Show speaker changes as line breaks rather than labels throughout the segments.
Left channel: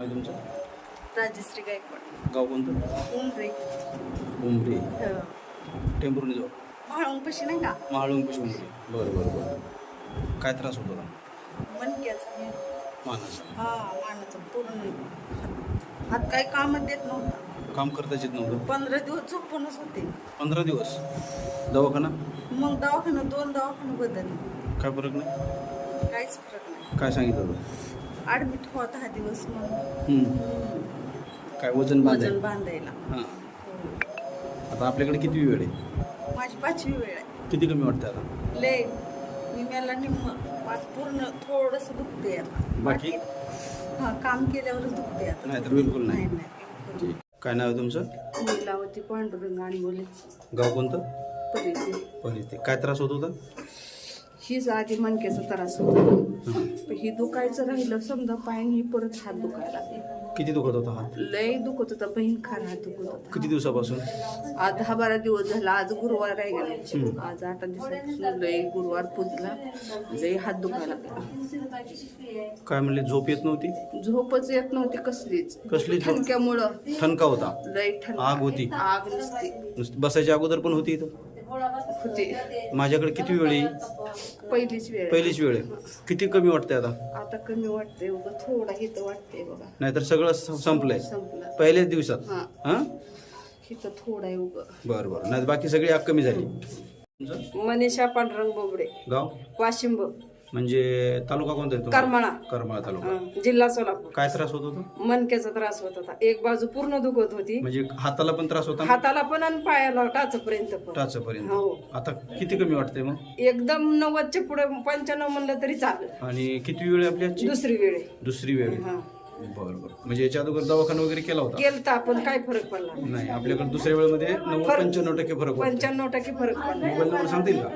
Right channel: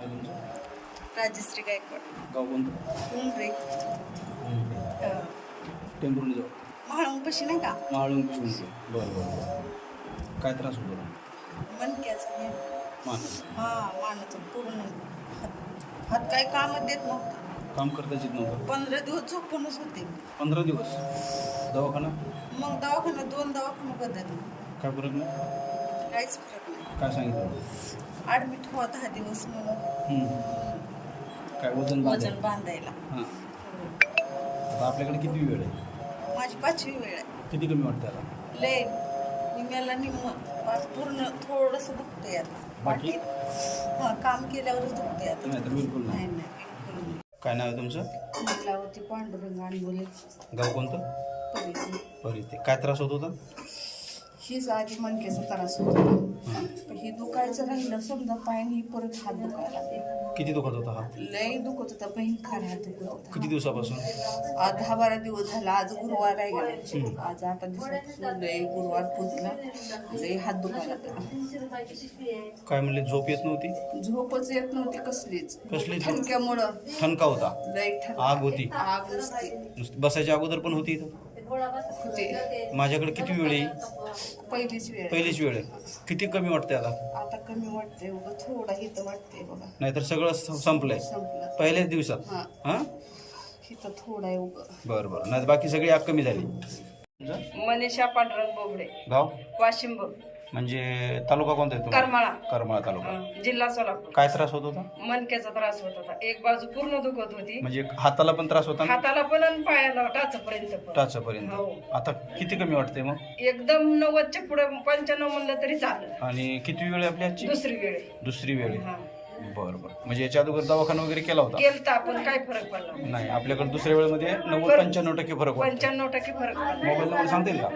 तुमचं?
राजश्री गायकवाड.
गाव कोणतं?
उमरे.
उमरे. टेंभुर्णी जाऊ
म्हाळुंगपाशी नाही का?
महाळुंक उमरे. बरं बरं बरं. काय त्रास होतो का
मनक्याचा हे
मानाचा.
हा मानाचा. पूर्ण. हात हात काही कामच देत नव्हता.
काम करताच येत नव्हतं?
पंधरा दिवस झोपूनच होते.
पंधरा दिवस? दवाखाना?
मग दवाखाना दोन दवाखाना बदलले.
काय फरक नाही?
काहीच फरक नाही.
काय सांगितलं?
ऍडमिट व्हा दहा दिवस म्हणून.
काय वजन
वजन बांधायला?
हां.
हो.
आता आपल्याकडे किती वेळ आहे?
माझी पाचवी वेळ आहे.
किती कमी वाटतं आता?
लय. निम्याला निम्म. पाच पूर्ण थोडस दुखते आता.
बाकी?
हा काम केल्यावरच दुखते आता.
नाही तर बिलकुल नाही.
नाही बिलकुल नाही.
काय नाव आहे तुमचं?
लीलावती पांडुरंग आणि बोले
गाव कोणतं?
परिचय
परिते. काय त्रास होत होता?
हीच आधी मणक्याचा त्रास होता.
हां.
पण ही दुखायचं राहिलं समजा पायाने परत हात दुखायला लागले.
किती दुखत होता हात?
लय दुखत होता बहीण खार हात दुखत होता.
किती दिवसापासून?
आज दहा बारा दिवस झाला आज गुरुवार आहे का? आज आठ दिवसापासून लय गुरुवार पूजला लय हात दुखायला लागला.
काय म्हणले झोप येत नव्हती?
झोपच येत नव्हती कसलीच.
कसली झोप?
ठणक्यामुळं
ठणका होता?
लय ठण
आग होती?
आग नुसती.
नुसती बसायच्या अगोदर पण होती इथं?
होती.
माझ्याकडे किती वेळ? आहे
पहिलीच वेळ
पहिलीच वेळ आहे. किती कमी वाटते आता?
आता कमी वाटतंय उगं थोडा हित वाटतंय बघा.
नाहीतर सगळं स- संपलंय.
संपला.
पहिल्याच दिवसात?
हा.
हां?
हित थोडा आहे उगं.
बरं बरं. नाही बाकी सगळी आग कमी झाली. तुमचं
मनीषा पांडुरंग बोबडे.
गाव?
वाशिंब.
म्हणजे तालुका कोणता आहे तुम्हाला?
करमाळा.
करमाळा तालुका.
हं, जिल्हा सोलापूर.
काय त्रास होत होता?
मनक्याचा त्रास होत होता. एक बाजू पूर्ण दुखत होती.
म्हणजे हाताला पण त्रास होता
हाताला पण आणि पायाला टाचपर्यंत पण.
टाचापर्यंत.
हो.
आता किती कमी वाटते मग?
एकदम नव्वदच्या पुढे पंच्याण्णव म्हणलं तरी चाललं.
आणि किती वेळ आहे आपली आजची?
दुसरी वेळ आहे.
दुसरी वेळ आहे.
हा.
बरं बरं. म्हणजे याच्या अगोदर दवाखाना वगैरे केला होता?
केलं तर आपण काय फरक पडला?
नाही आपल्याकडे दुसऱ्या वेळेमध्ये नव्वद
फरक-
पंच्याण्णव टक्के फरक वाटतो
पंच्याण्णव टक्के फरक पडला.
मोबाईल नंबर सांगता येईल का?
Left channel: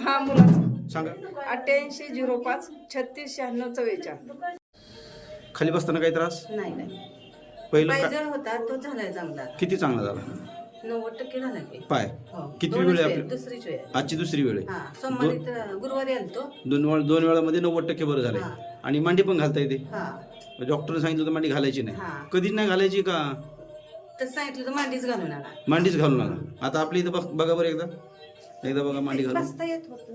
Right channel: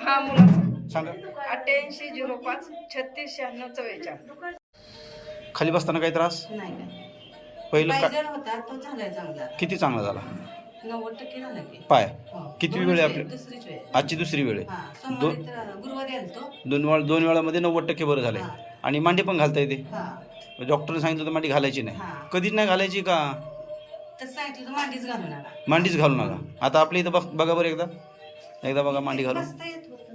हा मुलाचा.
सांगा.
अठ्ठ्याऐंशी झिरो पाच छत्तीस शहाण्णव चव्वेचाळ
खाली बसताना काही त्रास?
नाही नाही.
पहिलं का?
पायजण होता तो झालाय चांगला.
किती चांगला झाला?
नव्वद टक्के झाला की.
पाय.
हो.
किती वेळ आहे
वेळ,
आपल्या-
दुसरीच वेळ.
आजची दुसरी वेळ आहे.
हा सोमवारी तर गुरुवारी आलतो
दोन वेळा दोन वेळामध्ये नव्वद टक्के बरं झालंय.
हा.
आणि मांडी पण घालता येते.
हा.
डॉक्टरने सांगितलं होतं मांडी घालायची नाही.
हा.
कधीच नाही घालायची का?
तसं सांगितलं तर मांडीच घालून आला
मांडीच घालू नका. आता आपल्या इथं बघ- बघा बरं एकदा. एकदा बघा मांडी घालून.
बसता येत होतं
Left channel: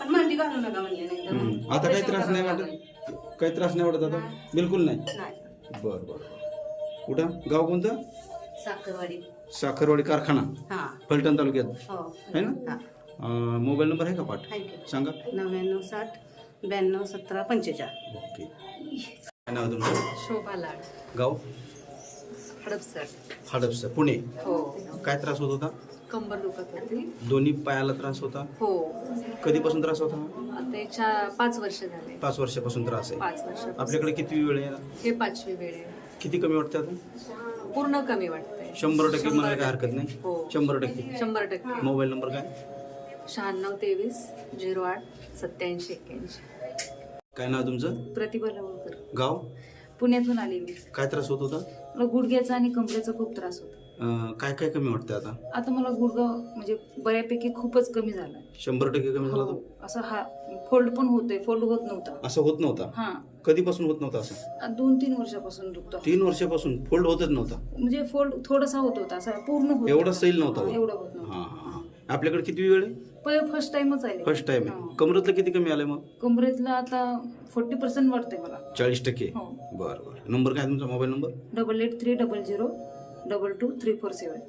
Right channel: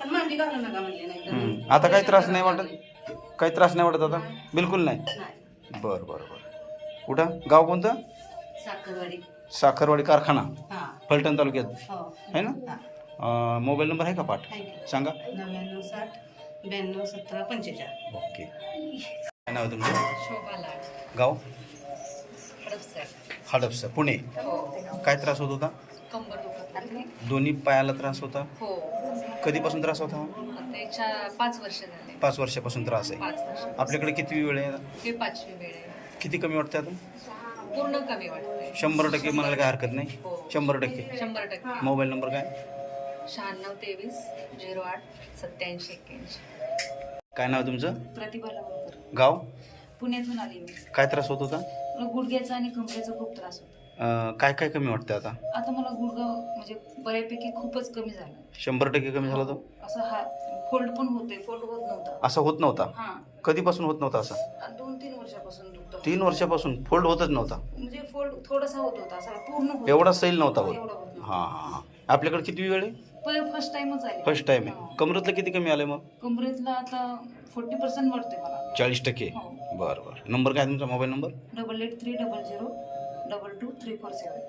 पण मांडी घालू नका म्हणले नाही तर.
हम्म. आता काही त्रास नाही वाटत? काही त्रास नाही वाटत आता? बिलकुल नाही?
नाही.
बरं बरं बरं. कुठं? गाव कोणतं?
साखरवाडी.
साखरवाडी कारखाना.
हा.
फलटण तालुक्यात.
हो.
आहे ना?
हा.
अं, मोबाईल नंबर आहे का पाठ. सांगा.
नव्याण्णव साठ ब्याण्णव सतरा पंचेचाळ
ओके. काय नाव आहे तुमचं?
शोभा लाड.
गाव?
हडपसर.
हडपसर पुणे.
हो.
काय त्रास होत होता?
कंबर दुखत होती.
दोन्ही पायाला त्रास होता?
हो.
कधीपासून त्रास होता?
आता याच्या पाच वर्ष झाले.
पाच वर्षापासून त्रास आहे.
पाच वर्ष
आपल्याकडे किती वेळ आहे?
हे पाचवी वेळ आहे.
किती कमी वाटते आता
पूर्ण कमी वाटतंय.
शंभर टक्के म्हणायला काय हरकत नाही?
हो.
शंभर टक्के.
शंभर टक्के.
मोबाईल नंबर काय?
शहाण्णव तेवीस झिरो आठ सत्याऐंशी एक्क्याऐंशी.
काय नाव आहे तुमचं?
प्रतिभा लवकर.
गाव?
पुण्यातून आली मी.
काय त्रास होत होता?
मला गुडघ्याचा आणि कमरेचा खूप त्रास होता.
अं, काय काय कमी वाटतं आता?
आता मला गुडघा म्हणजे बऱ्यापैकी खूपच कमी झाला
शंभर टक्के कमी झाला तो?
असं हा फोल्ड पण होतोय फोल्ड होत नव्हता.
असं होत नव्हता?
हा.
कधीपासून होत नव्हता असं?
आ- दोन तीन वर्षापासून दुखतो
तीन वर्षापासून फोल्ड होतच नव्हता?
म्हणजे फोल्ड थोडासा होत होता असा पूर्ण होत
एवढा सैल नव्हता होत?
एवढं होत नव्हतं.
हां हां हां. आपल्याकडे किती वेळ आहे?
पहिले फर्स्ट टाइमच आले.
फर्स्ट टाइम आहे. कमरेतलं किती कमी आलं मग?
कमरेतला आता फोर्टी पर्सेंट वाटते मला.
चाळीस टक्के.
हो.
बरं बरं. नंबर काय आहे तुमचा? Mobile number
double eight three double zero double two three four seven